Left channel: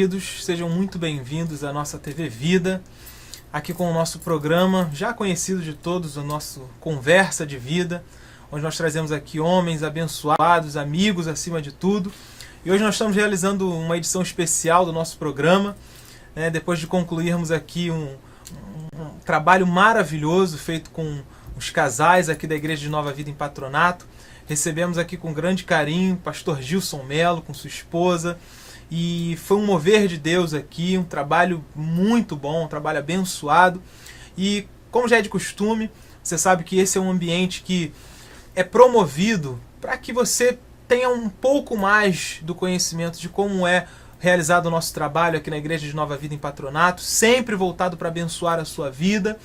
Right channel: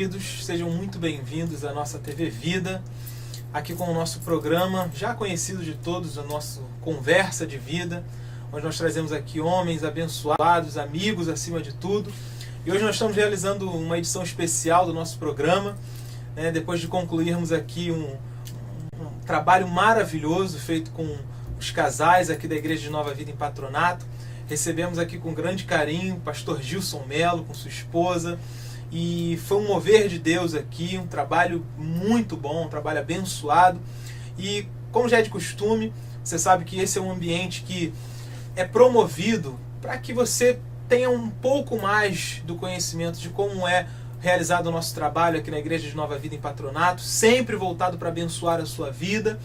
queridos, sejam muito bem-vindos à nossa TV Vida, aqui com o nosso programa, já conhecido de todos, o nosso Conversa de Vida, onde nós trazemos aqui homens abençoados, amigos acima de tudo. E hoje nós estamos realizando uma edição especial do nosso programa, depois de concluirmos aqui um trabalho maravilhoso feito com os casais aqui da Igreja de Nova Vida em Patronato. Recebemos aqui com grande carinho o pastor Gilson Melo com sua esposa, e foi um mover de Deus aqui, um trabalho muito bom, um trabalho abençoado. E como já é de costume, você sabe que esse é um ambiente que é promovido para que você tenha um pouco mais do conhecimento de como é realizado o nosso trabalho aqui na Igreja de Nova Vida em Patronato, sempre voltado para abençoar a sua vida.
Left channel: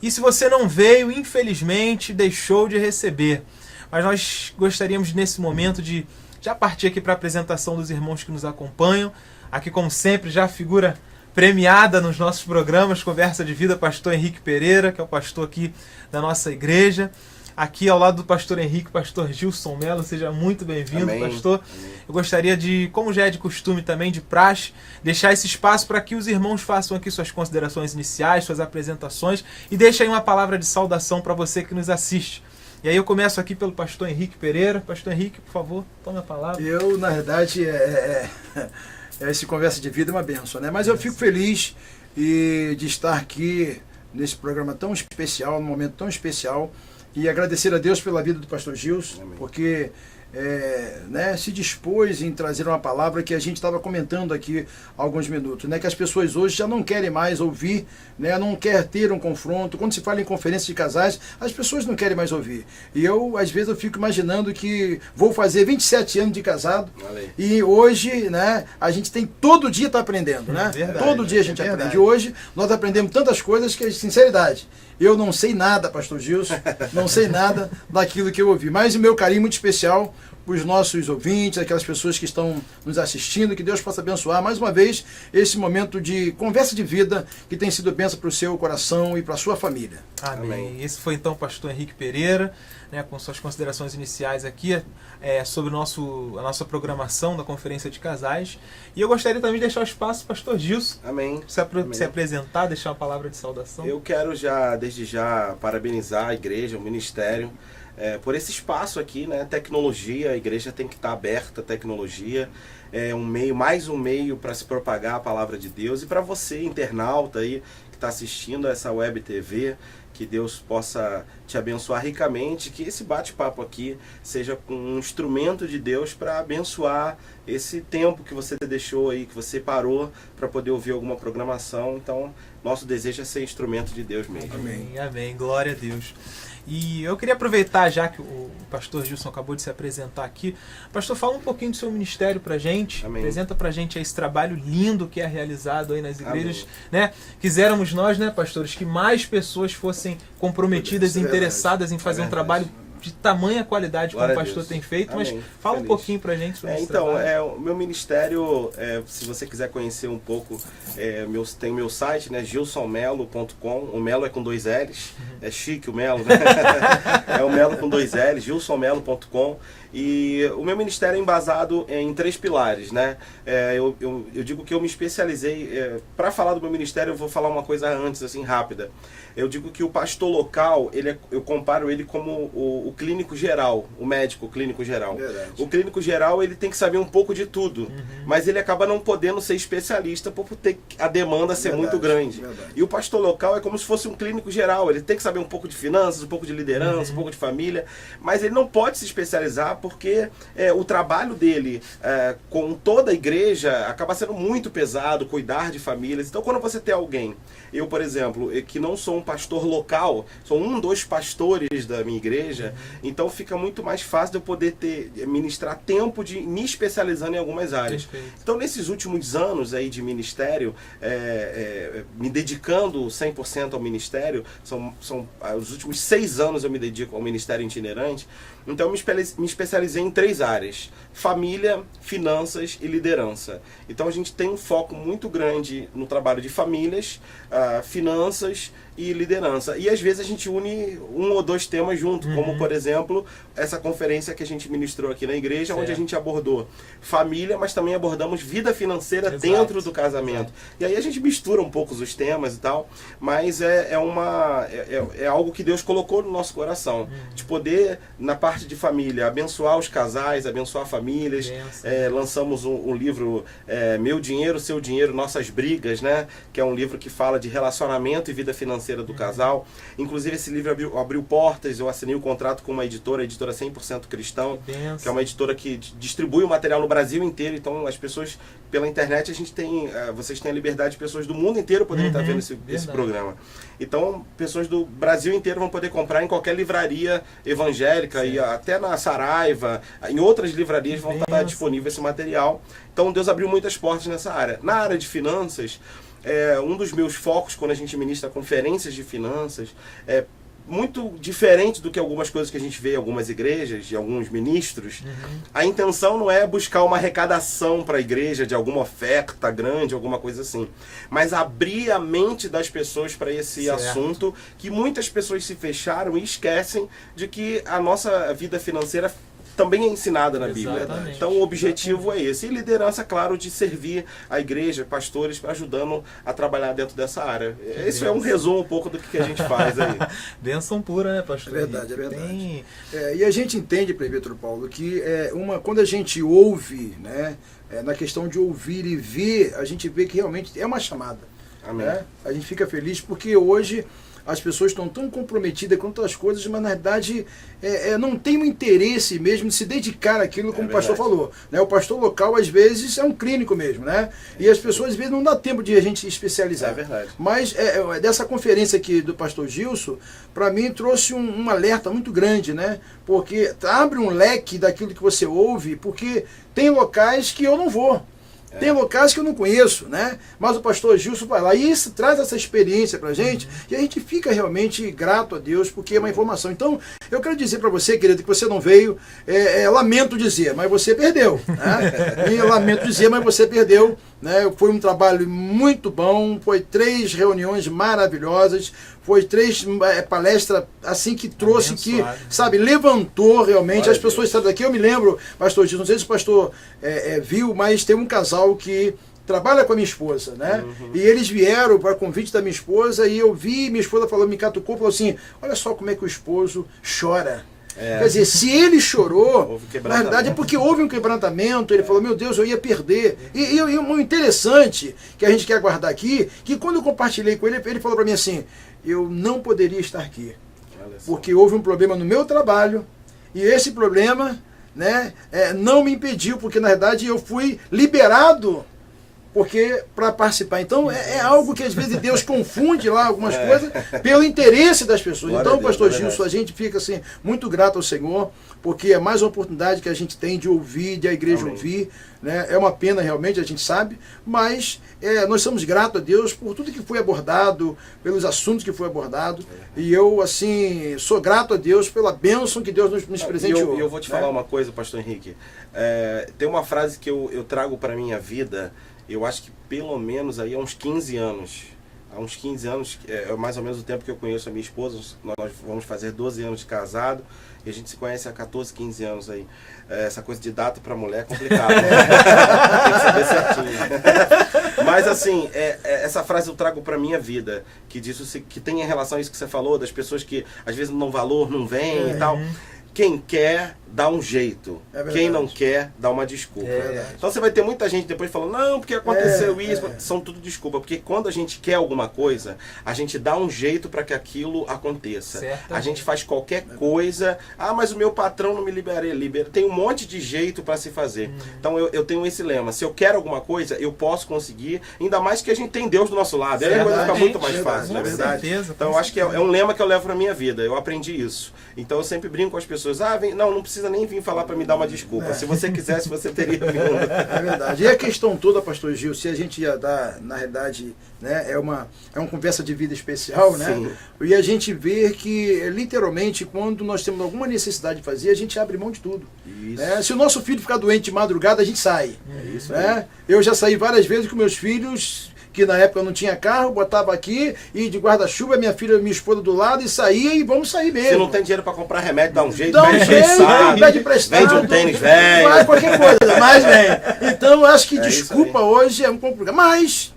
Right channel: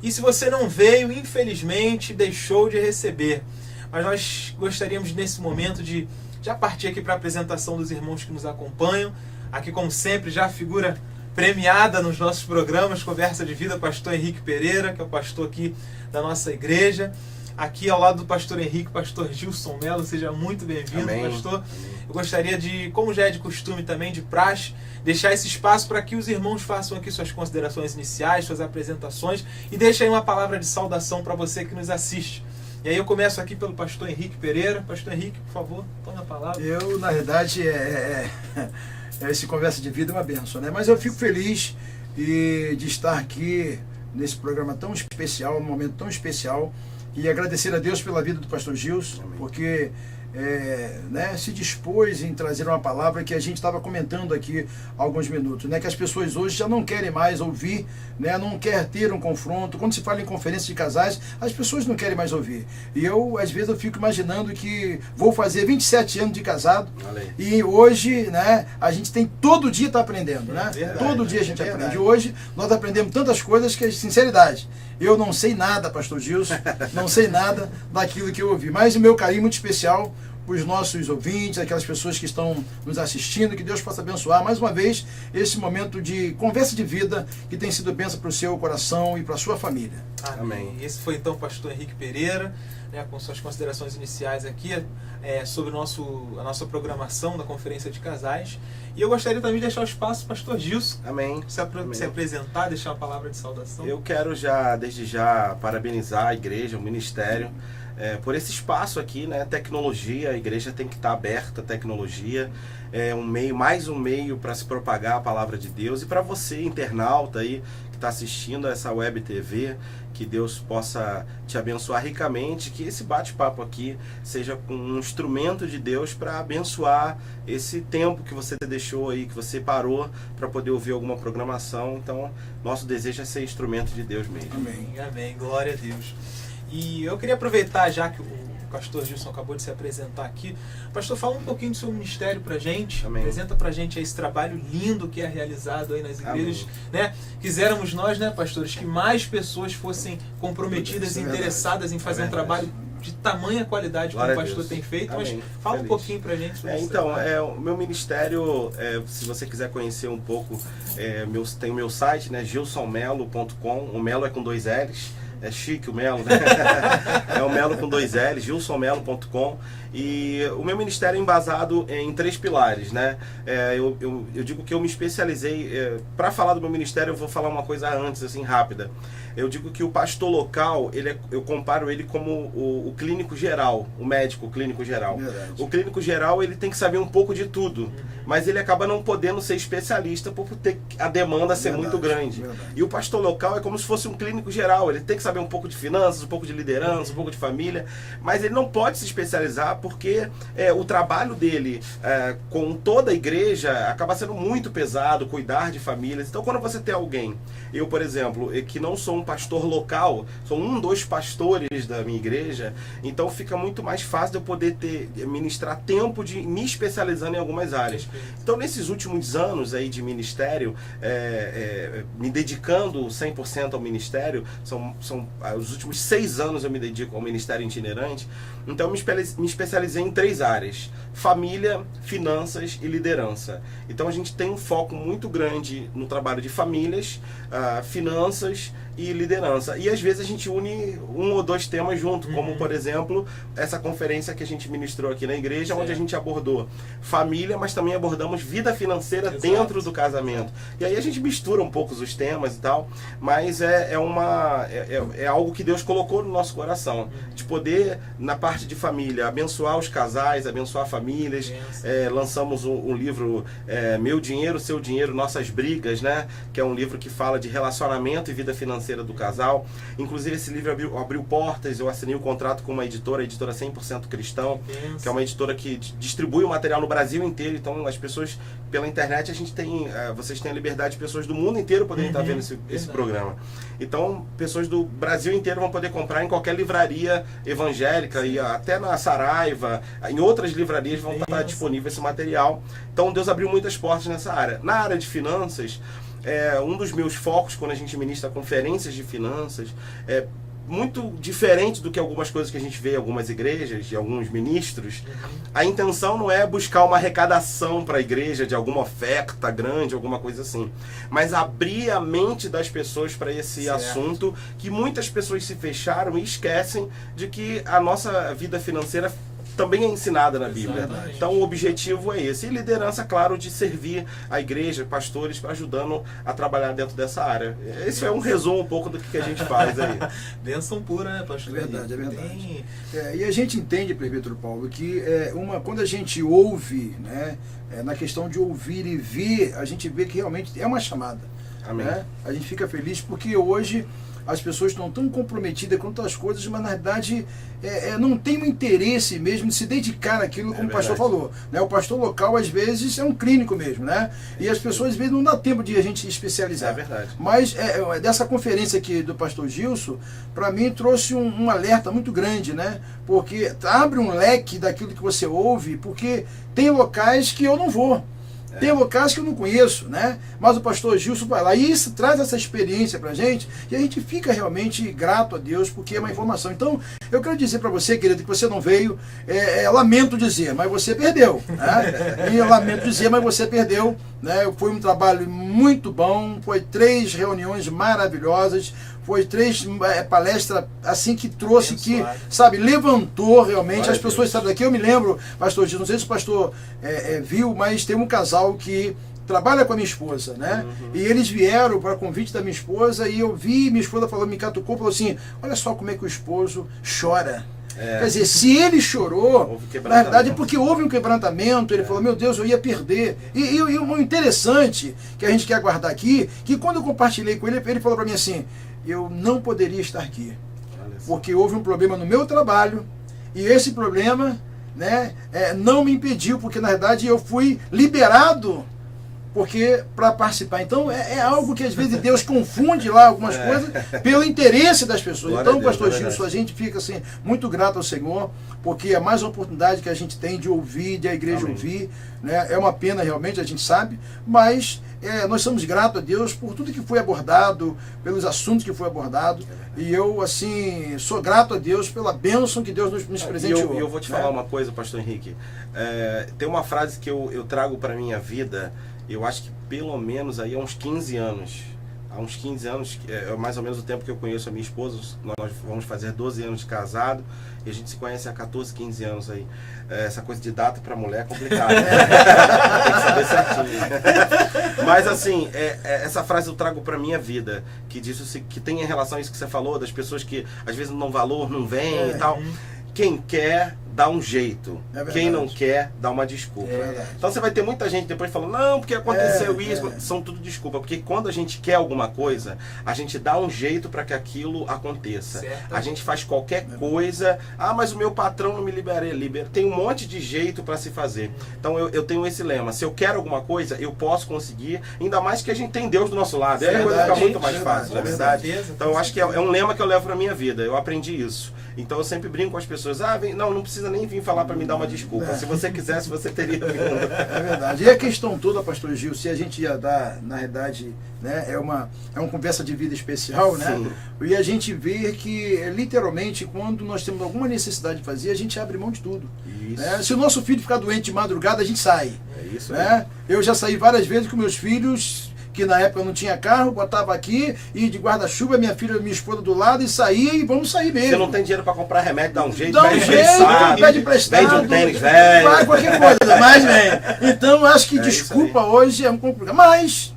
E se você não veio, infelizmente, deixou de receber. Mas nós gostaríamos nesse momento de já partir aqui para a apresentação dos irmãos que nos acompanham. Aqui, como sempre, já a figura premiada nos nossos programas, Conversa de Vida, pastor Henrique Pereira, que é o pastor aqui da nossa igreja. Aqui ao lado do pastor Henrique, pastor Gilson Melo, seja muito bem-vindo, pastor. Amém. Eu gostaria de, como já é de costume também, de praxe, deixar esse espaço para que os irmãos façam aqui suas considerações iniciais, suas apresentações, e deixem uma palavra de saudação para você que nos assiste. E aí eu começo aqui pelo pastor Henrique Pereira. Pastor Henrique, por favor, tome a palavra. Eu, na verdade, esse Conversa de Vida é uma bênção, né? Mas eu fico feliz de estar aqui nesse programa tão especial, num momento tão especial, e agradecer a Deus pela vida do pastor Gilson, porque se dispôs em trazer uma palavra que a gente estava comentando aqui há alguns minutos, que as pessoas hoje já não querem mais ouvir, não quer ter um confronto. Quando se fala em conferência de casais, as pessoas não querem mais ouvir. E eu, às vezes, eu fico imaginando que vou fazer 27 anos de casado, e hoje, a gente tem todo dia está aprendendo, Verdade, todo dia a gente aprende. Hoje nós aprendemos tantas coisas que, sinceridade, eu não sei nada, pastor Gilson, não sei nada daquilo que eu ouvi. Mas o meu carinho muito especial para os nossos ouvintes, aquelas pessoas que estão nos assistindo, que Deus possa abençoar mais uma vez esse momento de conversa de vida que tem sido bênção para o seu coração e para a sua família. Amém. Esse foi então o pastor Henrique Pereira, com suas considerações iniciais aqui sobre a nossa programação da Conferência de Casais. E eu gostaria também de deixar o espaço para o pastor Gilson. Amém. Se apresentar, deixar uma palavra de saudação. Eu quero desde já parabenizar a igreja, o ministério, por esse espaço aqui, tecnologia. A igreja tem que estar aberta à tecnologia, mais um meio para se propagar a palavra de Deus. E para você, internauta aí, que está assistindo essa web TV, que Deus possa te abençoar ricamente, que esse bate-papo aqui seja um instrumento de Deus para abençoar esse tempo que você deixou aí, que você parou para poder ouvir alguma programação. Então, nosso desejo é ser instrumento de Deus mesmo. Amém, amém. Glória a Deus. E eu queria aproveitar, já que o pastor Gilson acabou de se apresentar aqui. Pastor, fala um pouquinho do seu ministério pra gente. Amém. Apresenta pra gente esse trabalho lindo que é realizado aí nas igrejas. Quiséramos nós, pastores, que mais pessoas fossem comprometidas e interessadas em fazer um trabalho de tamanha qualidade como o pastor tem feito. Amém. Mas fala um pouquinho pra gente sobre isso. Então, o meu ministério, se você quiser conhecer um pouco, tem o meu site, gilsonmelo.com. O Melo é com 2 L's. É chique o Melo, é o Melo com 2 L's, gilsonmelo.com. E o meu ministério é embasado em 3 pilares, eu digo que eu me especializei. Para falar do meu ministério, eu vou falar uma coisa antes, assim, rápida. Eu digo que o pastor local, eu comparo ele como o clínico geral, o médico clínico geral. Verdade. O clínico geral, ele tem que saber um pouco de tudo, mas ele acaba não podendo ser especialista por ter a demanda ser muito grande. Verdade. E o pastor local é como se fosse um clínico geral, ele tem que saber um pouco de finanças, um pouco de liderança, um pouco de família, mas ele não pode se especializar porque o trabalho dele com toda a igreja acaba sendo muito pesado, cuidar de famílias. Então, quando você tem alguém, eu, por exemplo, que não sou um pastor local, sou dos pastores da minha igreja, então fica muito mais fácil de eu poder ministrar tempo de me especializando em algumas áreas. Então, nesses últimos anos aí de ministério, me dedicando 100% ao ministério, são os últimos 6 anos eu me dedico ao ministério itinerante. Então eu me especializei em 3 áreas: família, finanças e liderança. Então a gente tem um foco muito grande no trabalho de famílias, finanças e liderança. E às vezes a gente une um ou dois temas junto, como por exemplo, essa conferência que a gente ministrou aqui na igreja, onde a gente abordou família, mas também abordamos vida financeira dentro do casamento. E aí a gente mistura um pouco os temas e tal, mas é algo que Deus colocou no nosso coração, de poder, na parte de família, abençoar os casais, abençoar famílias. Lançamos um livro, Meu Dinheiro, Seu Dinheiro, Nossas Brigas, né? Que é um livro que fala de relacionamento e vida financeira do casal. Inclusive esse livro abriu portas, eu assinei um contrato com uma editora, a editora 100% Cristão, que é uma editora que distribui o material no Brasil inteiro. Então as pessoas, pela internet, a gente tem, vocês têm a liberdade de pessoas do mundo inteiro poderem estar vendo esse programa. Então pessoas do Brasil inteiro vão poder comprar em qualquer livraria evangélica, e até na Saraiva, em outras livrarias vão estar disponível esse material. Então Deus abriu muitas portas nessa área. Na área de finanças, um dos meus focos quando a gente ministra conferências de finanças é muito diferente do que algumas coisas que a gente vê em algumas igrejas, de alguns ministros. A intenção não é buscar uma arrecadação para a igreja de alguma oferta grande, alguma coisa assim, mas abrir a mente das pessoas para esse assunto, que muitas pessoas se fecharam e esquecem de que a nossa vida financeira também é ensinada na Bíblia. Então o objetivo é esse. E liderança, claro, de servir a igreja, pastores, para ajudando a trabalhar dentro dessa área. Isso é um resumo um pouco do que a gente faz aí. Bênção pura, né, pastor? É verdade. E a gente entende, presbítero Paulo, que quando a gente ouve, né, na questão de ouvir e ver, a gente vê que realmente é uma chamada. Amém. Né? A gente fica feliz porque hoje as pessoas estão tão comprometidas com outras coisas, mas na verdade não tem um interesse mesmo de se dedicar àquilo, como o pastor falou. Né? O pastor local, às vezes, é um clínico mesmo, né? E as pessoas, às vezes, não dá tempo de a gente se especializar. É verdade. Mas dessa conferência aqui do pastor Gilson, para mim trouxe um alerta muito grande, né? Porque abre um leque daquilo que você ouve, porque tem locais que eu não vou. Tem locais que eu não conheço, né? Mas o pastor Gilson vai lá e traz essa experiência pra gente, e a gente fica realmente grato a Deus, porque é uma informação. Então, eu quero dizer para você, querido, que você não veio, lamento dizer, mas você perdeu, né? E lamento dizer, mas você perdeu, né? Foi um trabalho muito bom, foi 3 reuniões maravilhosas, foi 3 palestras assim que trouxe, que, sabe, levantou realmente as pessoas, sabe, daqui eu me lembro, pastor Gilson, não sei se o pastor viu, mas tem um casal que trabalha com a minha esposa, né? E eles vieram para convite da minha esposa, e eu vi minha esposa falando, me catucou, falou assim, olha só como é que o esposo chora. Quer dizer, se ele chorou, na verdade é porque houve um quebrantamento. Ele falou, meu Deus, eu ia perder. E o interessante que a gente quer guardar aqui, que quando eu compartilhei com ele, ele falou para mim assim, eu não poderia estar aqui, porque houve um problema no meu trabalho, e esse problema, né, não me impediu, porque na verdade eu fui liberado para participar. Então é algo que às vezes Deus confunde lá algumas coisas pelo interesse das pessoas. Glória Então, a Deus, pastor Gilson, a gente fica assim muito grato ao Senhor, porque é mais uma oportunidade que a gente tem de ouvir, de a igreja ouvir, né? É uma pena realmente, a gente sabe, mas nós somos gratos a Deus por tudo que foi abordado, pelos assuntos que foi abordado, e eu assim sou grato a Deus pela bênção que Deus nos presenteou. E eu vou te falar uma coisa, pastor Henrique. Tem uma frase que eu trago para minha vida. Eu acho que pelo menos aí há uns 15 anos. Há uns 15 anos, mais ou menos o tempo que eu conheço a minha esposa. Nós vamos fazer 12 anos de casado. E a gente se conhece há 14, 15 anos aí. Essa coisa de data para mulher é complicada. Tem que saber certinho. Mas assim, essa frase eu trago para minha vida. Que diz que tem em relação a isso que você falou, das pessoas que às vezes não dão valor, não vêm e tal. Quem quer, dá um jeito. Quem não quer, dá uma desculpa. Então você vai ter muita gente depois falando, não, porque aconteceu isso. São tudo desculpa. Porque quando a gente quer alguma coisa, a gente dá um jeito para que aquilo aconteça. A gente faz qualquer coisa. Ah, mas o meu patrão não me libera. Tem um monte de jeito para se fazer. Então eu tenho esse lema. Se eu quero alguma coisa, eu posso conseguir. Ainda mais que a gente tem Deus do nosso lado. Aí a coisa fica muito mais fácil, não é verdade? Então eu acho que é um lema que eu levo para minha vida. Eu aprendi isso. Então eu sempre brinco com as pessoas, não precisa nem vir falar para me dar uma desculpa. Se você quisesse, você teria vindo. É verdade. E a questão toda, pastor Gil, se a gente ia dar, na verdade, né, é uma conversa de vida especial, né? Sim. E a gente vê que, literalmente, quando nós temos alguma necessidade de fazer, a gente abre mão de tudo. Se o nosso filho ficar doente de madrugada, a gente sai. É isso né? Eu já saí várias vezes com meus filhos, que na época não tinha carro, botava aqui, e de guarda-chuva, minha filha e minha esposa do lado, e saía, e vamos sair mesmo. Se não tem dinheiro para comprar remédio, dá um jeito, Dá um vende jeito, emprestado, pede emprestado, vende um tênis velho. faz qualquer coisa, mas vem. Então, acho que É isso desculpa aí. hoje é um complicado. Mas,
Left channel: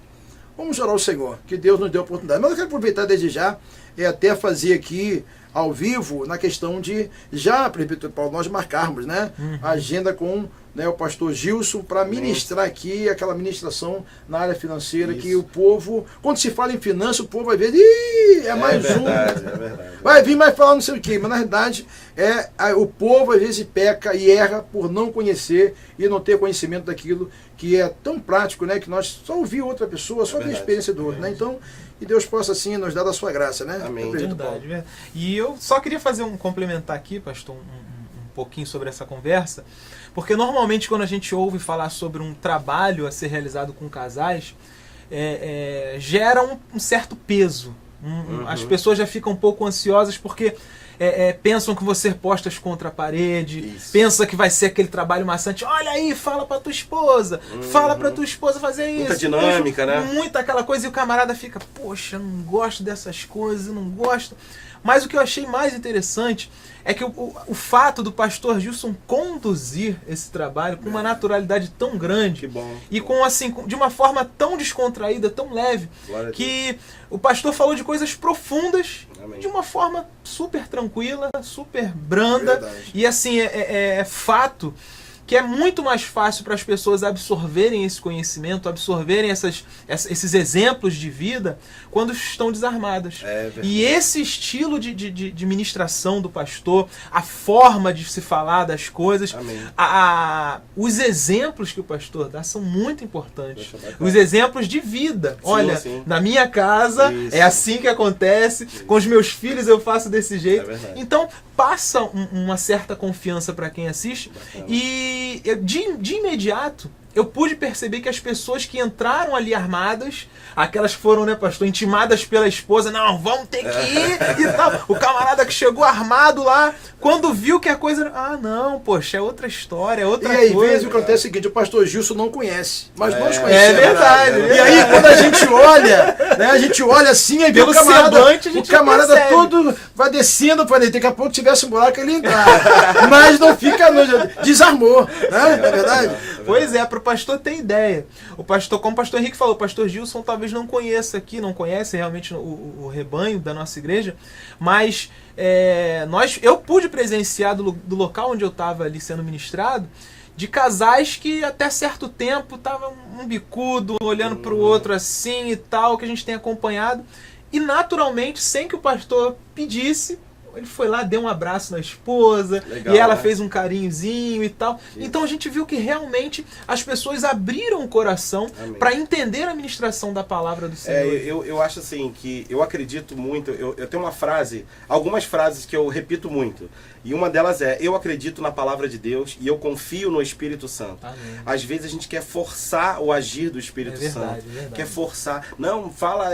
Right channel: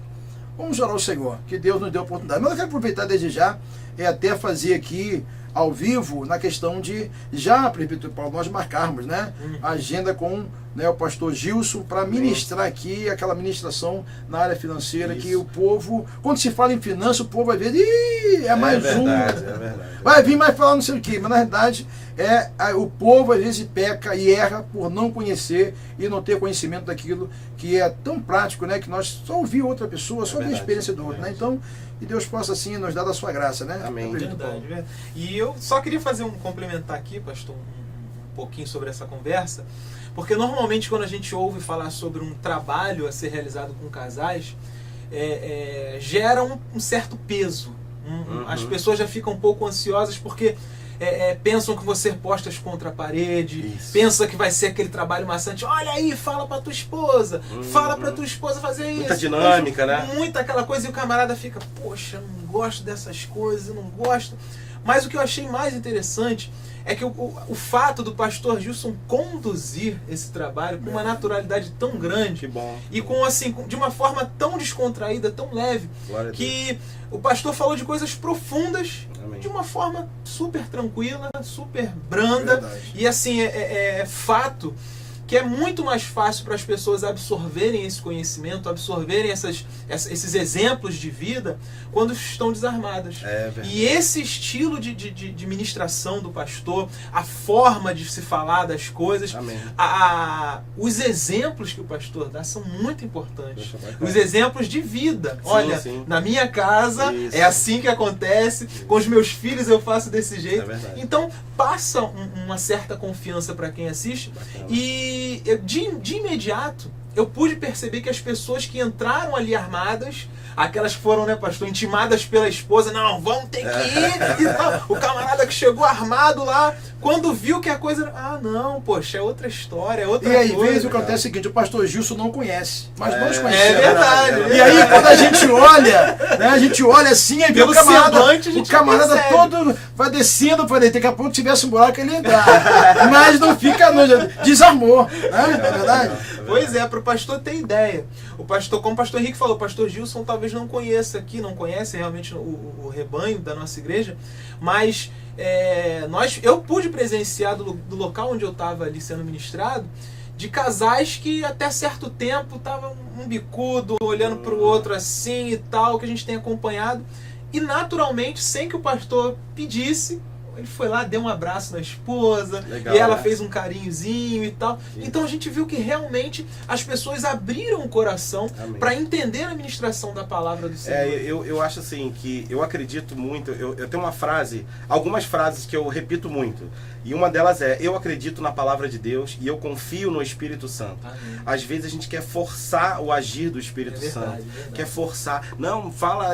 vamos orar ao Senhor, que Deus nos deu a oportunidade. Mas eu quero aproveitar desde já, e até fazer aqui, ao vivo, na questão de, já, presbítero Paulo, nós marcarmos, né, a agenda com, né, o pastor Gilson, para ministrar aqui aquela ministração na área financeira, Isso. que o povo, quando se fala em finanças, o povo vai ver, ih, é mais verdade, um. é verdade. Vai vir mais falar não sei o que, mas na verdade o povo às vezes peca e erra por não conhecer e não ter conhecimento daquilo que é tão prático, né, que nós só ouvir outra pessoa, só ver a verdade, experiência do outro, né? verdade. Então, que Deus possa assim nos dar da sua graça, né? Amém. Presbítero Paulo. Verdade, verdade. E eu só queria fazer complementar aqui, pastor, um pouquinho sobre essa conversa, porque normalmente quando a gente ouve falar sobre um trabalho a ser realizado com casais, gera um certo peso. As pessoas já ficam um pouco ansiosas porque pensam que você postas contra a parede, Isso. pensa que vai ser aquele trabalho maçante. Olha aí, fala pra tua esposa, fala pra tua esposa fazer isso. Muita dinâmica, né? Muita aquela coisa, e o camarada fica, poxa, não gosto dessas coisas, não gosto. Mas o que eu achei mais interessante é que o fato do pastor Gilson conduzir esse trabalho com uma naturalidade tão grande, Que bom. e de uma forma tão descontraída, tão leve, Glória a Deus. que o pastor falou de coisas profundas, Amém. de uma forma super tranquila, super branda. Verdade. E assim, é fato que é muito mais fácil para as pessoas absorverem esse conhecimento, absorverem esses exemplos de vida quando estão desarmadas. É verdade. E esse estilo de ministração do pastor, a forma de se falar das coisas, Amém. os exemplos que o pastor dá são muito importantes. Poxa, bacana. Os exemplos de vida. Olha, sim. na minha casa Isso. é assim que acontece, com os meus filhos eu faço desse jeito. É verdade. Então passa uma certa confiança para quem assiste. Bacana. E de imediato eu pude perceber que as pessoas que entraram ali armadas, aquelas que foram, né, pastor, intimadas pela esposa, não, vão ter que ir e tal. O camarada que chegou armado lá, quando viu que a coisa, não, poxa, é outra história, é outra E aí, coisa. vezes o que acontece é o seguinte, o pastor Gilson não conhece, mas nós É conhecemos. verdade. E aí, quando a gente olha, né, a gente olha assim, aí vê Pelo o camarada, semblante, a gente o camarada percebe. todo vai descendo, eu falei, daqui a pouco tivesse um buraco ele entrar. Mas não fica, desarmou, né? Não é verdade? Pois é, para o pastor ter ideia. O pastor, como o pastor Henrique falou, o pastor Gilson talvez não conheça aqui, não conhece realmente o rebanho da nossa igreja, mas eu pude presenciar do local onde eu estava ali sendo ministrado, de casais que até certo tempo estavam um bicudo, olhando para o outro assim e tal, que a gente tem acompanhado, e naturalmente, sem que o pastor pedisse, ele foi lá, deu um abraço na esposa, Legal, e ela né? fez um carinhozinho e tal. Então a gente viu que realmente as pessoas abriram o coração Amém. para entender a ministração da palavra do Senhor. Eu acho assim, que eu acredito muito, eu tenho uma frase, algumas frases que eu repito muito, e uma delas é, eu acredito na palavra de Deus e eu confio no Espírito Santo. Amém. Às vezes a gente quer forçar o agir do Espírito É verdade, Santo, verdade. quer forçar, não, fala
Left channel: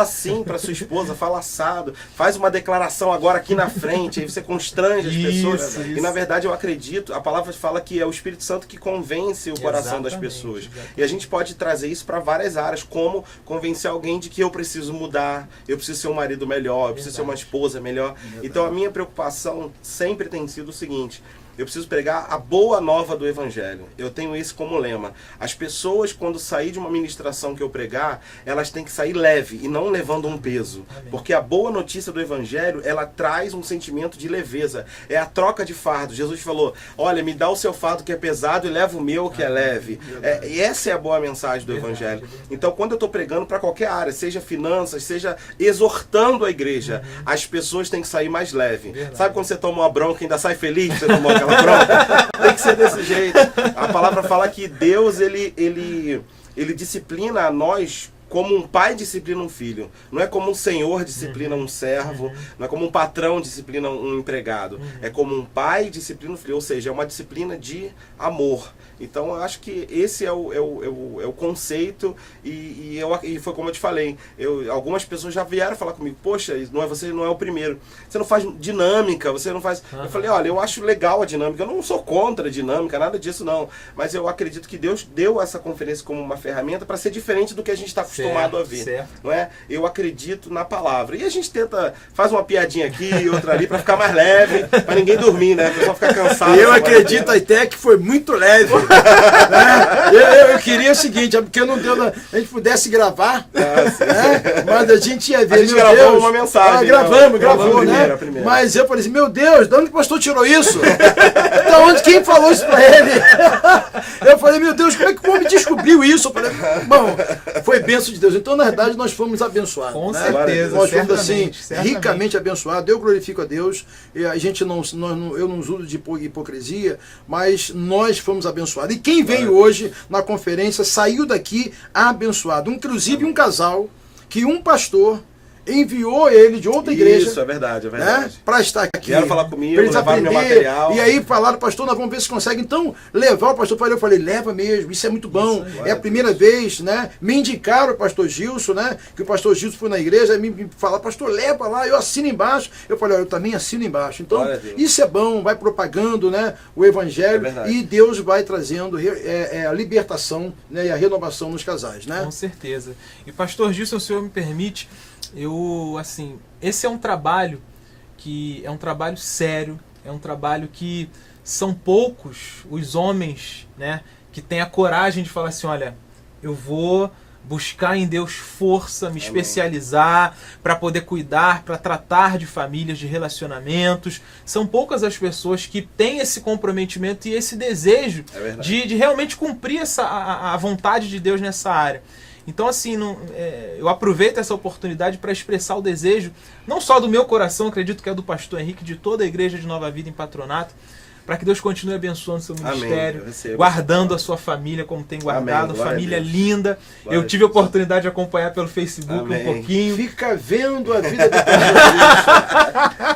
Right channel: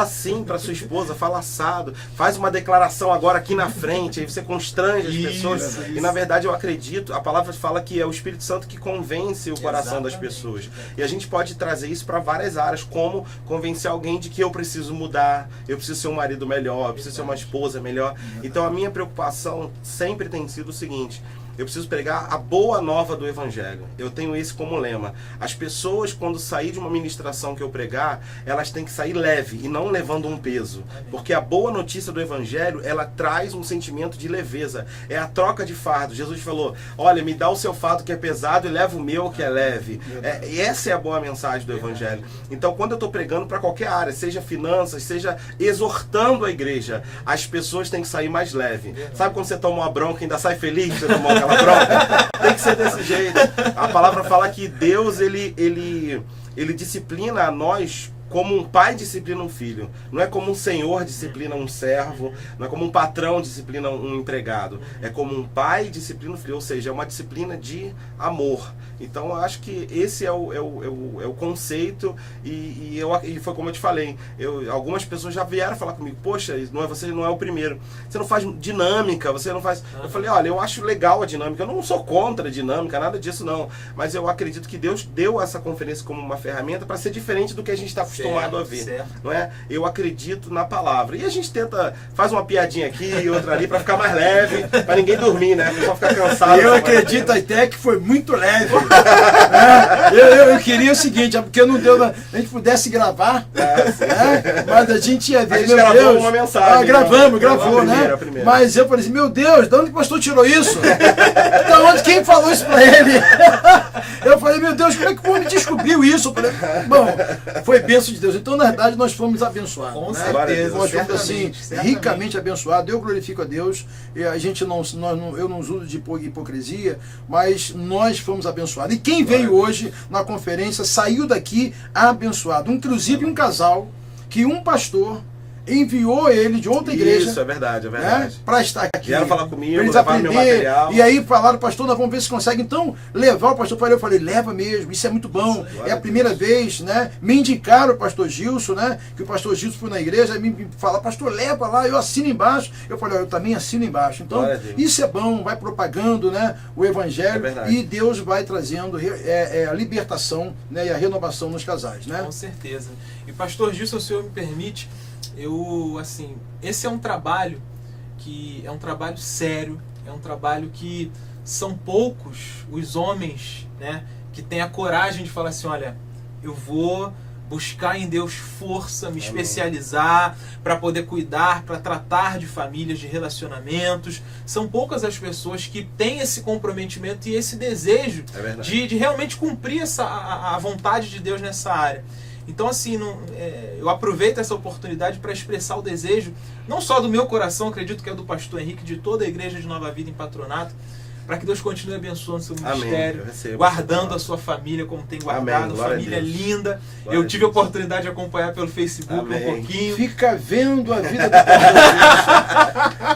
assim para sua esposa, fala assado, faz uma declaração agora aqui na frente, aí você constrange as pessoas, Isso. e na verdade eu acredito, a palavra fala que é o Espírito Santo que convence o coração das Exatamente, pessoas. exatamente. E a gente pode trazer isso para várias áreas, como convencer alguém de que eu preciso mudar, eu preciso ser um marido melhor, eu preciso ser uma esposa melhor. Então a minha preocupação sempre tem sido o seguinte: eu preciso pregar a boa nova do Evangelho. Eu tenho isso como lema. As pessoas, quando sair de uma ministração que eu pregar, elas têm que sair leve e não levando um peso. Porque a boa notícia do Evangelho, ela traz um sentimento de leveza. É a troca de fardo. Jesus falou, olha, me dá o seu fardo que é pesado e leva o meu que é leve. E essa é a boa mensagem do Evangelho. Então, quando eu estou pregando para qualquer área, seja finanças, seja exortando a igreja, as pessoas têm que sair mais leve. Sabe quando você toma uma bronca e ainda sai feliz que você tomou aquela bronca? Tem que ser desse jeito. A palavra fala que Deus, ele disciplina a nós como um pai disciplina um filho. Não é como um senhor disciplina um servo, não é como um patrão disciplina um empregado. É como um pai disciplina um filho, ou seja, é uma disciplina de amor. Então eu acho que esse é o conceito, e foi como eu te falei, algumas pessoas já vieram falar comigo, poxa, você não é o primeiro, você não faz dinâmica, você não faz... Eu falei, olha, eu acho legal a dinâmica, eu não sou contra a dinâmica, nada disso não, mas eu acredito que Deus deu essa conferência como uma ferramenta para ser diferente do que a gente está acostumado a ver. Certo. Não é? Eu acredito na palavra. E a gente faz uma piadinha aqui e outra ali para ficar mais leve, para ninguém dormir, né? O pessoal ficar cansado. Eu acredito até que foi muito leve. Eu queria o seguinte, é porque não deu, a gente pudesse gravar, né? Mas a gente ia ver. A gente gravou uma mensagem. Gravou, né? Primeira. Mas eu falei assim, meu Deus, de onde que o pastor tirou isso? Da onde, quem falou isso pra ele? Eu falei, meu Deus, como é que o homem descobriu isso? Eu falei, bom, foi bênção de Deus. Então, na verdade, nós fomos abençoados. Com né? certeza. Nós fomos assim, certamente. ricamente abençoados. Eu glorifico a Deus. E a gente eu não uso de hipocrisia, mas nós fomos abençoados. E quem veio hoje na conferência saiu daqui abençoado. Inclusive um casal que um pastor enviou ele de outra igreja. Isso, é verdade, Né, para estar aqui. Vieram falar comigo, pra eles levaram meu material. E aí falaram, pastor, nós vamos ver se consegue. Então, levar o pastor. Eu falei, leva mesmo, isso é muito bom. Isso, é a primeira vez, né? Me indicaram o pastor Gilson, né? Que o pastor Gilson foi na igreja, me fala, pastor, leva lá, eu assino embaixo. Eu falei, olha, eu também assino embaixo. Então, isso é bom, vai propagando, né? O evangelho e Deus vai trazendo a libertação, né? E a renovação nos casais, né? Com certeza. E pastor Gilson, se o senhor me permite, esse é um trabalho que é um trabalho sério, é um trabalho que são poucos os homens, né, que têm a coragem de falar assim, olha, eu vou buscar em Deus força, me especializar para poder cuidar, para tratar de famílias, de relacionamentos. São poucas as pessoas que têm esse comprometimento e esse desejo de realmente cumprir a vontade de Deus nessa área. Então, assim, eu aproveito essa oportunidade para expressar o desejo, não só do meu coração, acredito que é do pastor Henrique, de toda a igreja de Nova Vida em Patronato, para que Deus continue abençoando o seu ministério, guardando a sua família como tem guardado, família linda. Eu tive a oportunidade de acompanhar pelo Facebook um pouquinho. Fica vendo a vida do pastor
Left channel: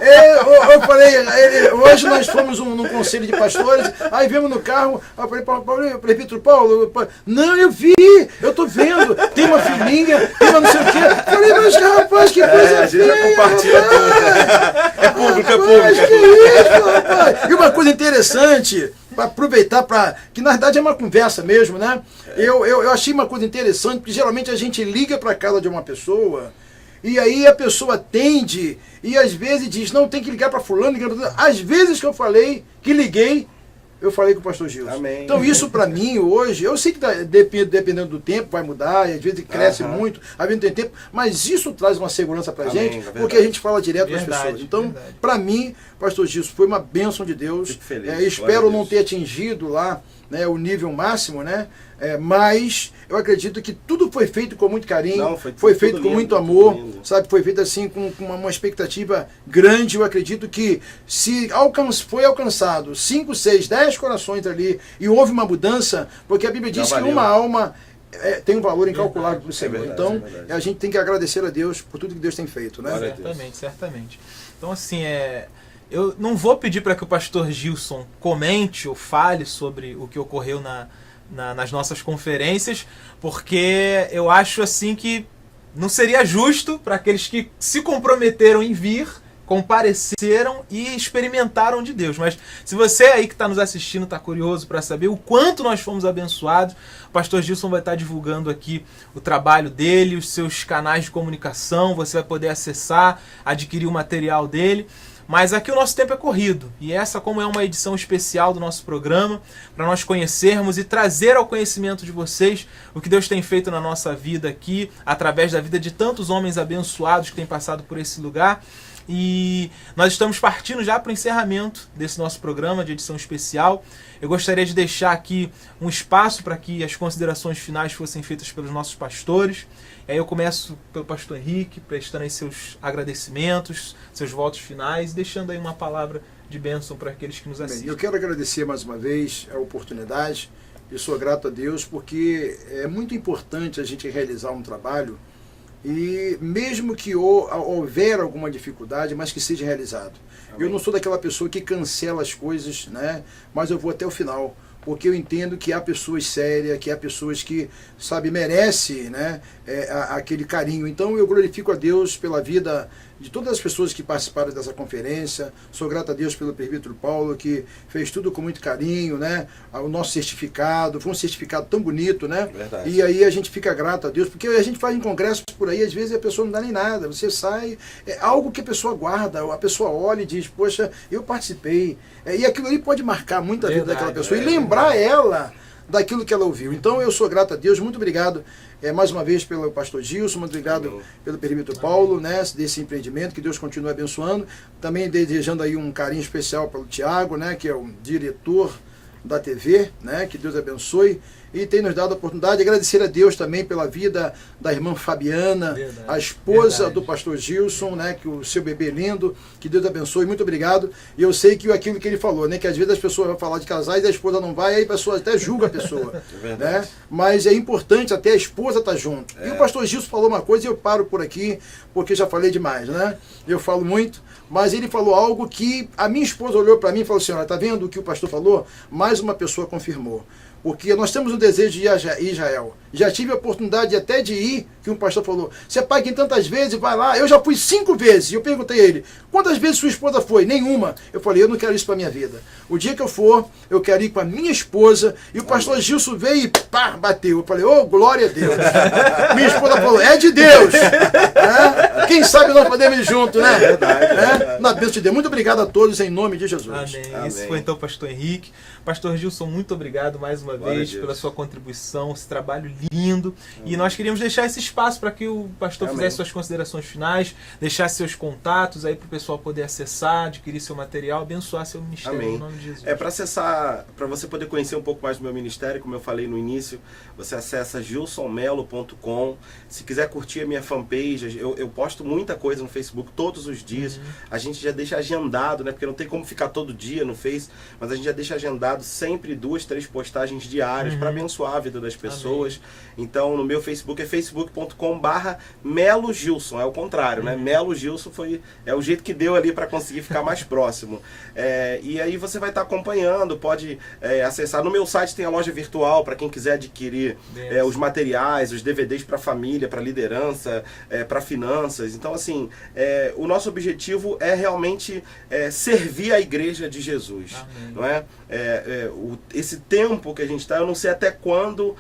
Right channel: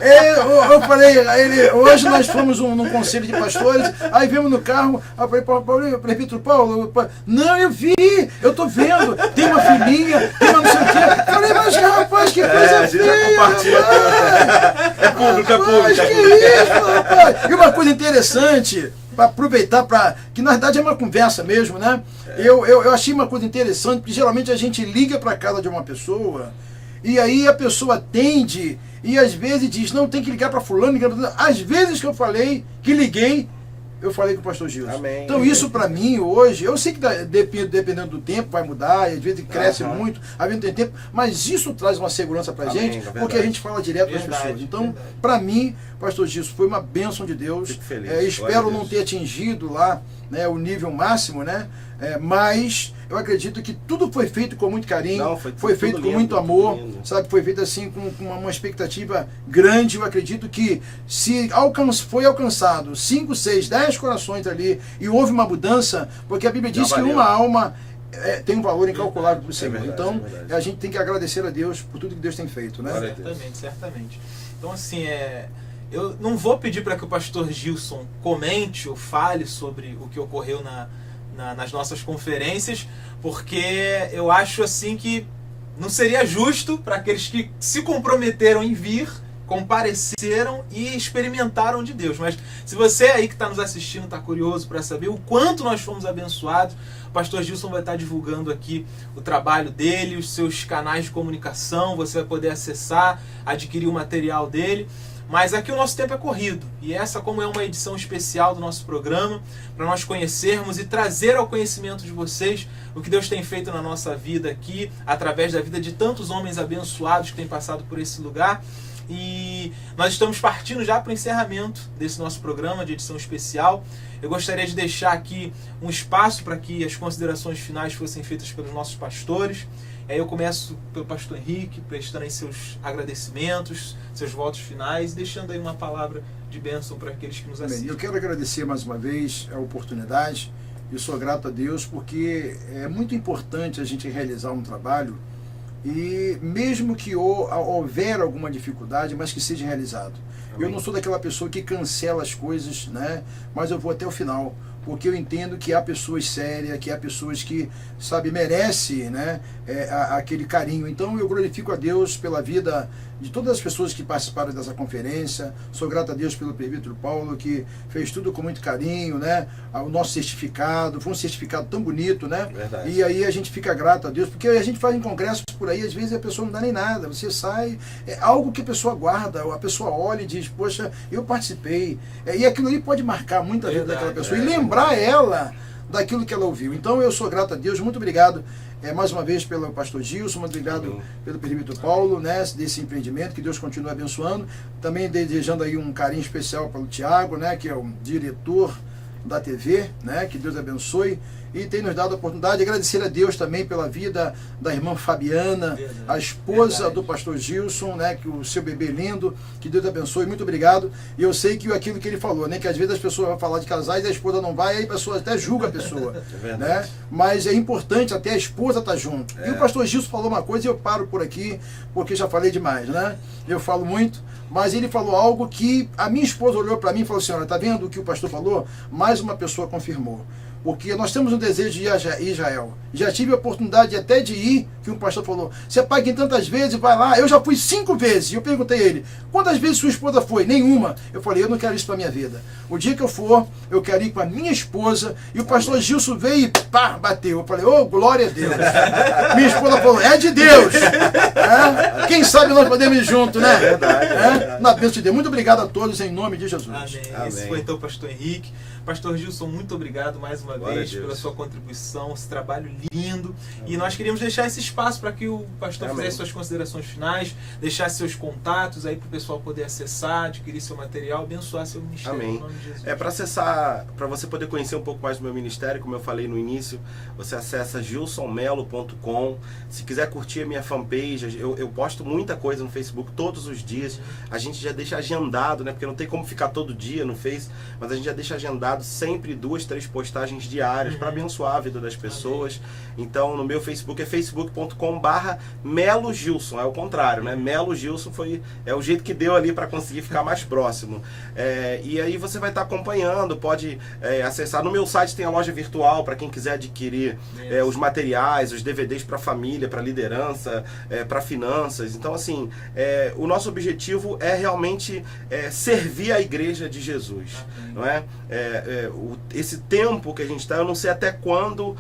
Gilson. Eu falei, hoje nós fomos num conselho de pastores, aí vimos no carro, eu falei, prefeito Paulo, não, eu vi, eu tô vendo, tem uma filhinha, tem uma não sei o quê. Eu falei, mas rapaz, que coisa a gente já compartilha tudo. É público, é público. Mas que isso, rapaz? E uma coisa interessante, para aproveitar, que na verdade é uma conversa mesmo, né? Eu achei uma coisa interessante, porque geralmente a gente liga para casa de uma pessoa, e aí a pessoa atende, e às vezes diz, não, tem que ligar para fulano, às vezes que eu falei, que liguei, eu falei com o pastor Gilson. Amém. Então isso para mim hoje, eu sei que dependendo do tempo vai mudar, às vezes cresce muito, às vezes não tem tempo, mas isso traz uma segurança para a gente, porque a gente fala direto com as pessoas. Então, para mim, pastor Gilson, foi uma bênção de Deus. Fico feliz. Espero não ter atingido lá, né, o nível máximo, né? Mas eu acredito que tudo foi feito com muito carinho, foi feito com muito amor, sabe? Foi feito assim com uma expectativa grande. Eu acredito que se foi alcançado 5, 6, 10 corações ali e houve uma mudança, porque a Bíblia diz que uma alma tem um valor incalculável para o Senhor. Então, a gente tem que agradecer a Deus por tudo que Deus tem feito, né? Certamente. Então, assim, eu não vou pedir para que o pastor Gilson comente ou fale sobre o que ocorreu nas nossas conferências, porque eu acho assim que não seria justo para aqueles que se comprometeram em vir, compareceram e experimentaram de Deus. Mas se você aí que está nos assistindo está curioso para saber o quanto nós fomos abençoados, o pastor Gilson vai estar divulgando aqui o trabalho dele, os seus canais de comunicação, você vai poder acessar, adquirir o material dele. Mas aqui o nosso tempo é corrido, e essa, como é uma edição especial do nosso programa, para nós conhecermos e trazer ao conhecimento de vocês o que Deus tem feito na nossa vida aqui, através da vida de tantos homens abençoados que têm passado por esse lugar. E nós estamos partindo já para o encerramento desse nosso programa de edição especial. Eu gostaria de deixar aqui um espaço para que as considerações finais fossem feitas pelos nossos pastores. Eu começo pelo pastor Henrique, prestando aí seus agradecimentos, seus votos finais, deixando aí uma palavra de bênção para aqueles que nos assistem. Eu quero agradecer mais uma vez a oportunidade. Eu sou grato a Deus porque é muito importante a gente realizar um trabalho e mesmo que houver alguma dificuldade, mas que seja realizado. Amém. Eu não sou daquela pessoa que cancela as coisas, né? Mas eu vou até o final, porque eu entendo que há pessoas sérias, que há pessoas que, sabe, merecem, né, aquele carinho. Então eu glorifico a Deus pela vida de todas as pessoas que participaram dessa conferência. Sou grato a Deus pelo presbítero Paulo, que fez tudo com muito carinho, né? O nosso certificado, foi um certificado tão bonito, né? Verdade. E aí a gente fica grato a Deus, porque a gente faz um congresso por aí, às vezes a pessoa não dá nem nada, você sai, é algo que a pessoa guarda, a pessoa olha e diz, poxa, eu participei. E aquilo ali pode marcar muito a vida daquela pessoa e lembrar ela daquilo que ela ouviu. Então eu sou grato a Deus, muito obrigado mais uma vez pelo pastor Gilson, muito obrigado pelo presbítero Paulo, né, desse empreendimento, que Deus continue abençoando. Também desejando aí um carinho especial pelo Tiago, né, que é o diretor da TV, né, que Deus abençoe. E tem nos dado a oportunidade de agradecer a Deus também pela vida da irmã Fabiana, a esposa do pastor Gilson, né, que o seu bebê lindo, que Deus abençoe, muito obrigado. E eu sei que aquilo que ele falou, né, que às vezes as pessoas vão falar de casais e a esposa não vai, aí a pessoa até julga a pessoa, né, mas é importante até a esposa estar junto. E o pastor Gilson falou uma coisa e eu paro por aqui, porque já falei demais, né, eu falo muito, mas ele falou algo que a minha esposa olhou para mim e falou assim, olha, tá vendo o que o pastor falou? Mais uma pessoa confirmou. Porque nós temos o desejo de ir a Israel. Já tive a oportunidade até de ir, que um pastor falou, você paga em tantas vezes, vai lá. Eu já fui 5 vezes. E eu perguntei a ele, quantas vezes sua esposa foi? Nenhuma. Eu falei, eu não quero isso para minha vida. O dia que eu for, eu quero ir com a minha esposa. E o pastor Gilson veio e pá, bateu. Eu falei, oh, glória a Deus. Minha esposa falou, é de Deus. Quem sabe nós podemos ir juntos, né? Na bênção de Deus. Muito obrigado a todos, em nome de Jesus. Amém. Esse foi então o pastor Henrique. Pastor Gilson, muito obrigado mais uma vez pela sua contribuição, esse trabalho lindo. E nós queríamos deixar esse espaço para que o pastor fizesse suas considerações finais, deixasse seus contatos aí para o pessoal poder acessar, adquirir seu material, abençoar seu ministério. Amém. Em nome de Jesus. Para acessar, para você poder conhecer um pouco mais do meu ministério, como eu falei no início, você acessa gilsonmelo.com. Se quiser curtir a minha fanpage, eu posto muita coisa no Facebook todos os dias. A gente já deixa agendado, né? Porque não tem como ficar todo dia no Face, mas a gente já deixa agendado sempre 2, 3 postagens diárias para abençoar a vida das pessoas. Amém. Então no meu Facebook é facebook.com/Melo Gilson, é o contrário, né? Melo Gilson é o jeito que deu ali para conseguir ficar mais próximo. E aí você vai estar acompanhando, pode acessar. No meu site tem a loja virtual para quem quiser adquirir os materiais, os DVDs para família, para liderança, para finanças. Então assim, o nosso objetivo é realmente servir a igreja de Jesus. Amém. Não é? Esse tempo que a gente está, eu não sei até quando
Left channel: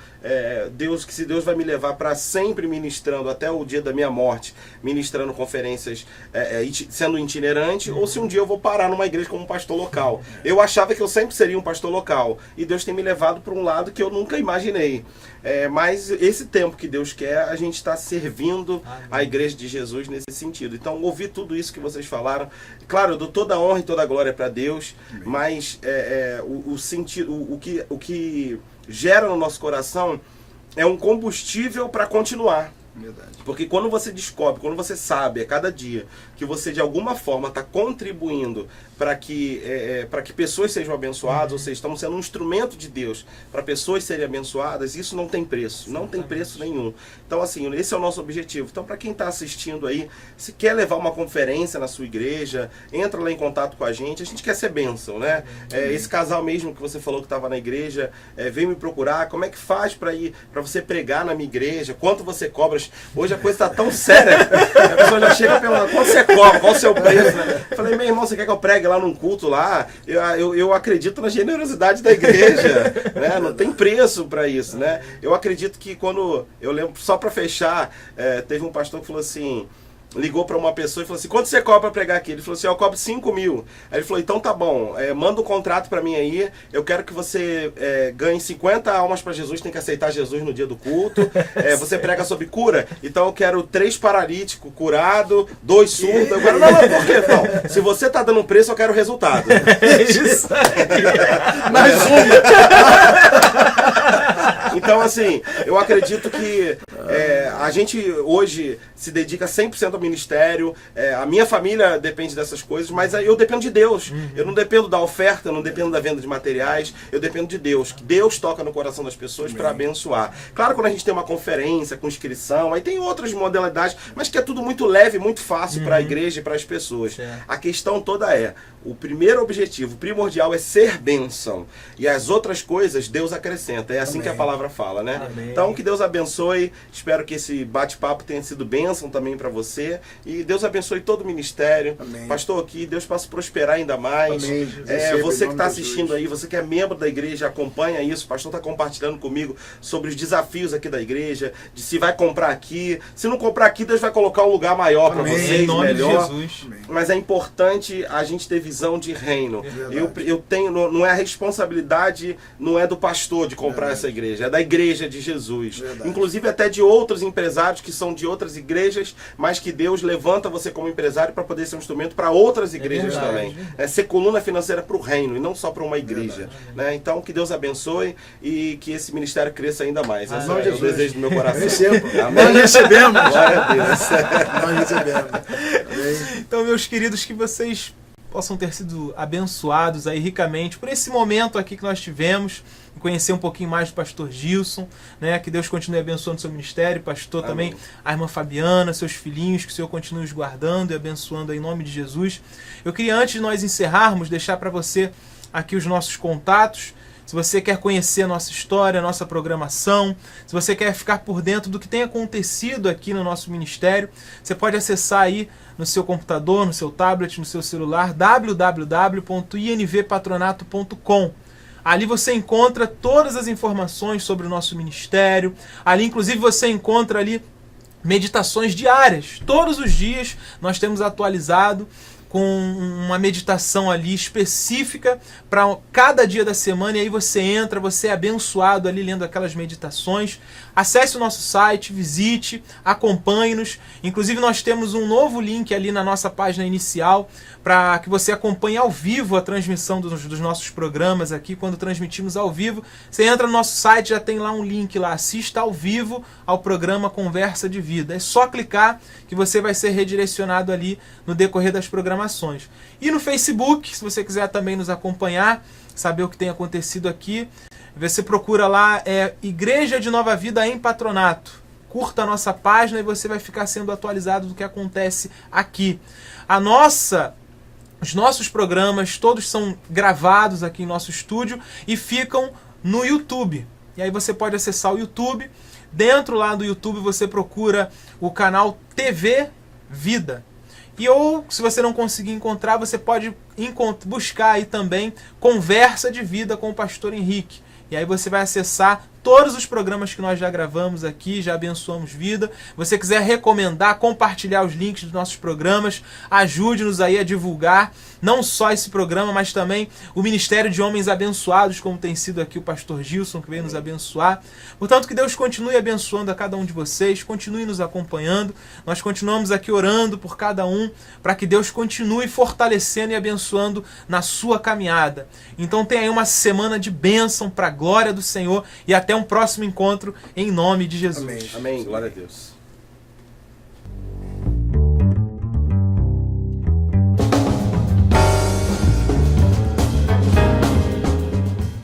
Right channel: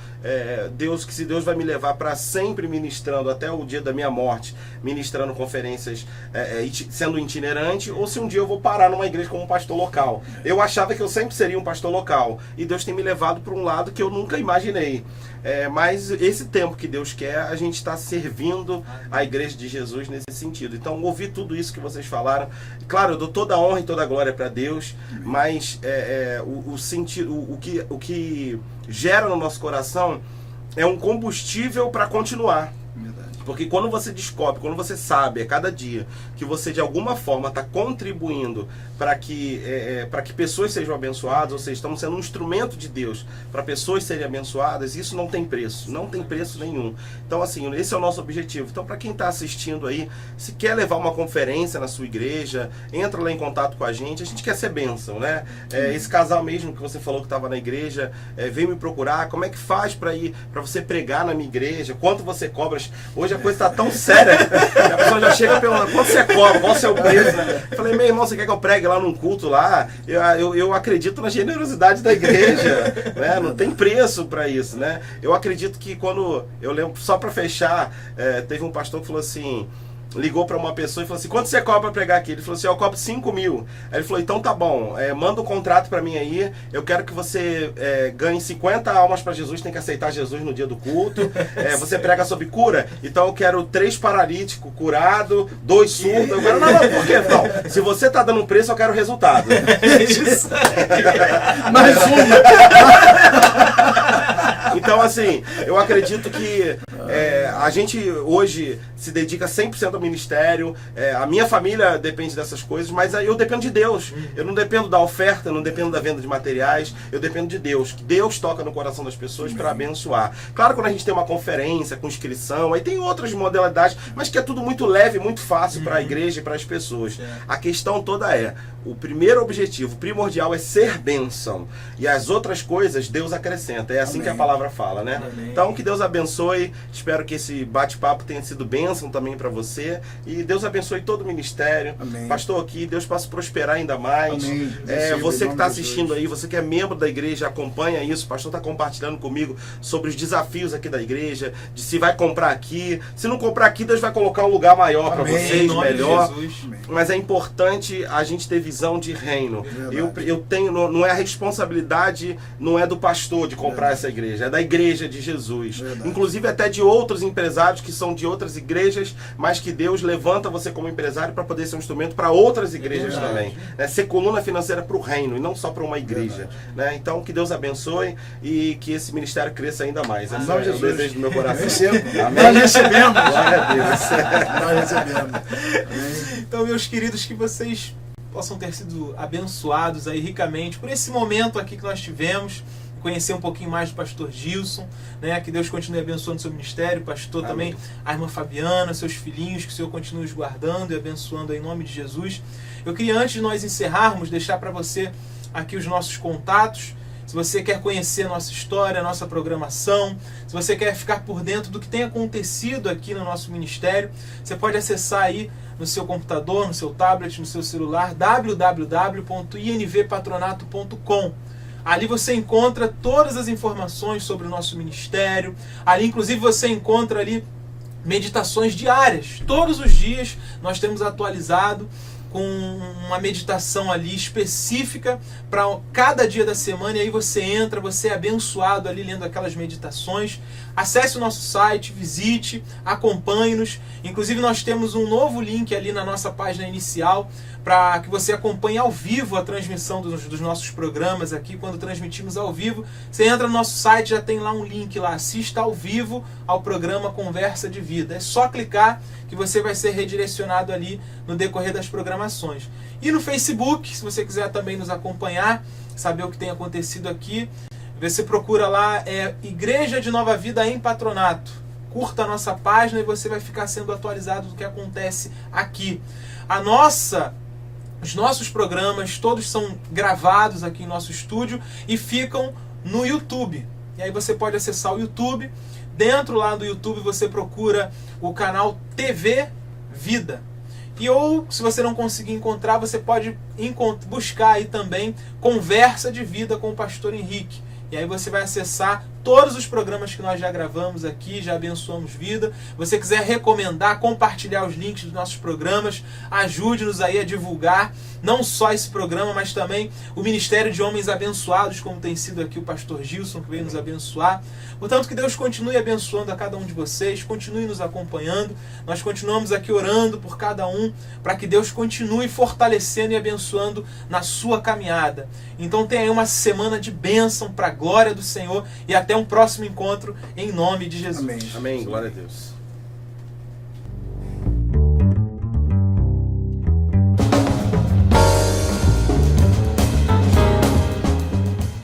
se Deus vai me levar para sempre ministrando até o dia da minha morte, ministrando conferências, sendo itinerante, ou se um dia eu vou parar numa igreja como um pastor local. Eu achava que eu sempre seria um pastor local, e Deus tem me levado para um lado que eu nunca imaginei. Mas esse tempo que Deus quer, a gente está servindo a igreja de Jesus nesse sentido. Então, ouvir tudo isso que vocês falaram, claro, eu dou toda a honra e toda a glória para Deus, mas o que gera no nosso coração é um combustível para continuar. Verdade. Porque quando você descobre, quando você sabe a cada dia que você de alguma forma está contribuindo para que pessoas sejam abençoadas, ou seja, estamos sendo um instrumento de Deus para pessoas serem abençoadas, isso não tem preço, não tem preço nenhum. Então assim, esse é o nosso objetivo. Então para quem está assistindo aí, se quer levar uma conferência na sua igreja, entra lá em contato com a gente quer ser bênção, né? Esse casal mesmo que você falou que estava na igreja, veio me procurar, como é que faz para você pregar na minha igreja, quanto você cobra? Hoje a coisa está tão séria, a pessoa já chega perguntando, quanto você cobra, qual o seu preço, né? Eu falei, meu irmão, você quer que eu pregue lá num culto lá? Eu acredito na generosidade da igreja, né? Não tem preço para isso, né? Eu acredito que eu lembro, só para fechar, teve um pastor que falou assim, ligou para uma pessoa e falou assim, quanto você cobra para pregar aqui? Ele falou assim, eu cobro 5 mil. Aí ele falou, então tá bom, manda um contrato para mim aí, eu quero que você ganhe 50 almas para Jesus, tem que aceitar Jesus no dia do culto, você prega sobre cura, então eu quero 3 paralíticos curados, 2 surdos, eu quero, não, por quê? Então, se você tá dando um preço, eu quero resultado. Isso aí. Mais um. Então assim, eu acredito que a gente hoje se dedica 100% ao ministério, a minha família depende dessas coisas, mas eu dependo de Deus. Eu não dependo da oferta, eu não dependo da venda de materiais, eu dependo de Deus, que Deus toca no coração das pessoas para abençoar. Claro, quando a gente tem uma conferência com inscrição, aí tem outras modalidades, mas que é tudo muito leve, muito fácil para a igreja e para as pessoas. A questão toda o primeiro objetivo, primordial, é ser bênção, e as outras coisas Deus acrescenta, é assim que a palavra fala, né? Amém. Então que Deus abençoe, Espero que esse bate-papo tenha sido bênção também para você. E Deus abençoe todo o ministério. Amém. Pastor, aqui, Deus possa prosperar ainda mais. Amém. Você que está Em nome de assistindo Jesus. aí, você que é membro da igreja, acompanha isso. O pastor está compartilhando comigo sobre os desafios aqui da igreja, de se vai comprar aqui. Se não comprar aqui, Deus vai colocar um lugar maior para Amém. vocês, Em nome de melhor. Jesus. Amém. Mas é importante a gente ter visão de reino. Verdade. Eu tenho, não é a responsabilidade, não é do pastor de comprar Verdade. essa igreja, é da igreja de Jesus. Verdade. Inclusive até de outros empresários que são de outras igrejas, mas que Deus levanta você como empresário para poder ser um instrumento para outras igrejas verdade. também. Ser coluna financeira para o reino e não só para uma igreja. Né? Então que Deus abençoe e que esse ministério cresça ainda mais. Esse nome é de o Jesus. desejo do meu coração. Recebo. Amém. Nós recebemos. Glória a Deus. Nós recebemos. Amém. Então, meus queridos, que vocês possam ter sido abençoados aí ricamente por esse momento aqui que nós tivemos, conhecer um pouquinho mais do pastor Gilson, né? Que Deus continue abençoando o seu ministério, pastor. Amém. Também a irmã Fabiana, seus filhinhos, que o Senhor continue os guardando e abençoando aí, em nome de Jesus. Eu queria, antes de nós encerrarmos, deixar para você aqui os nossos contatos. Se você quer conhecer a nossa história, a nossa programação, se você quer ficar por dentro do que tem acontecido aqui no nosso ministério, você pode acessar aí no seu computador, no seu tablet, no seu celular, www.invpatronato.com. Ali você encontra todas as informações sobre o nosso ministério. Ali, inclusive, você encontra ali meditações diárias. Todos os dias nós temos atualizado com uma meditação ali específica para cada dia da semana, e aí você entra, você é abençoado ali lendo aquelas meditações. Acesse o nosso site, visite, acompanhe-nos. Inclusive nós temos um novo link ali na nossa página inicial para que você acompanhe ao vivo a transmissão dos nossos programas aqui. Quando transmitimos ao vivo, você entra no nosso site, já tem lá um link lá, assista ao vivo ao programa Conversa de Vida. É só clicar que você vai ser redirecionado ali no decorrer das programações. E no Facebook, se você quiser também nos acompanhar, saber o que tem acontecido aqui, você procura lá, Igreja de Nova Vida em Patronato. Curta a nossa página e você vai ficar sendo atualizado do que acontece aqui. Os nossos programas todos são gravados aqui em nosso estúdio e ficam no YouTube. E aí você pode acessar o YouTube. Dentro lá do YouTube você procura o canal TV Vida. Ou, se você não conseguir encontrar, você pode buscar aí também Conversa de Vida com o pastor Henrique. E aí você vai acessar todos os programas que nós já gravamos aqui, já abençoamos vida. Se você quiser recomendar, compartilhar os links dos nossos programas, ajude-nos aí a divulgar não só esse programa, mas também o Ministério de Homens Abençoados, como tem sido aqui o pastor Gilson, que veio nos abençoar. Portanto, que Deus continue abençoando a cada um de vocês, continue nos acompanhando. Nós continuamos aqui orando por cada um, para que Deus continue fortalecendo e abençoando na sua caminhada. Então tenha aí uma semana de bênção para a glória do Senhor e até um próximo encontro em nome de Jesus. Amém. Amém. Glória a Deus.